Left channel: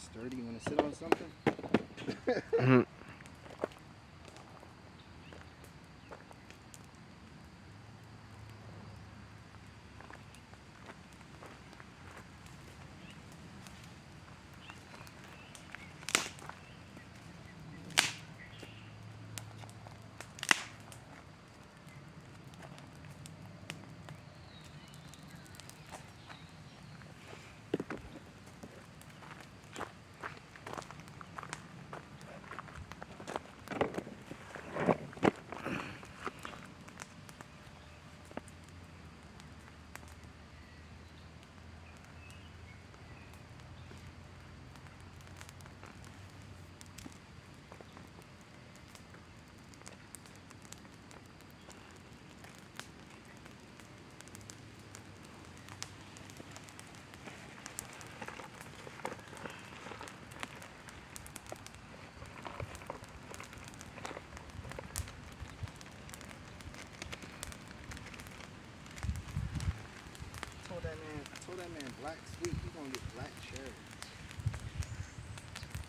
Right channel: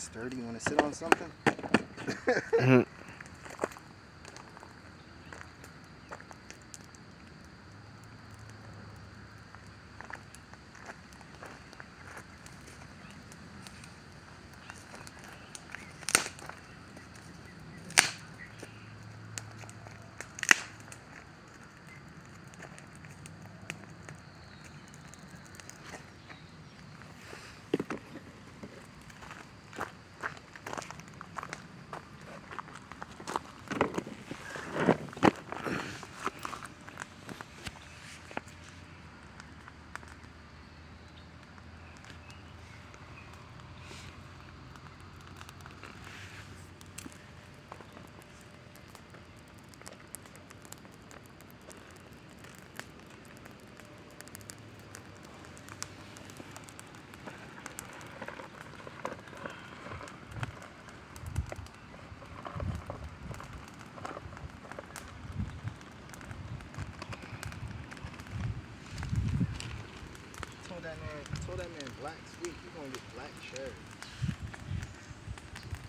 sturdy. You want to sit on something? Mhm. Told that man black sweet. You gonna get black cherry.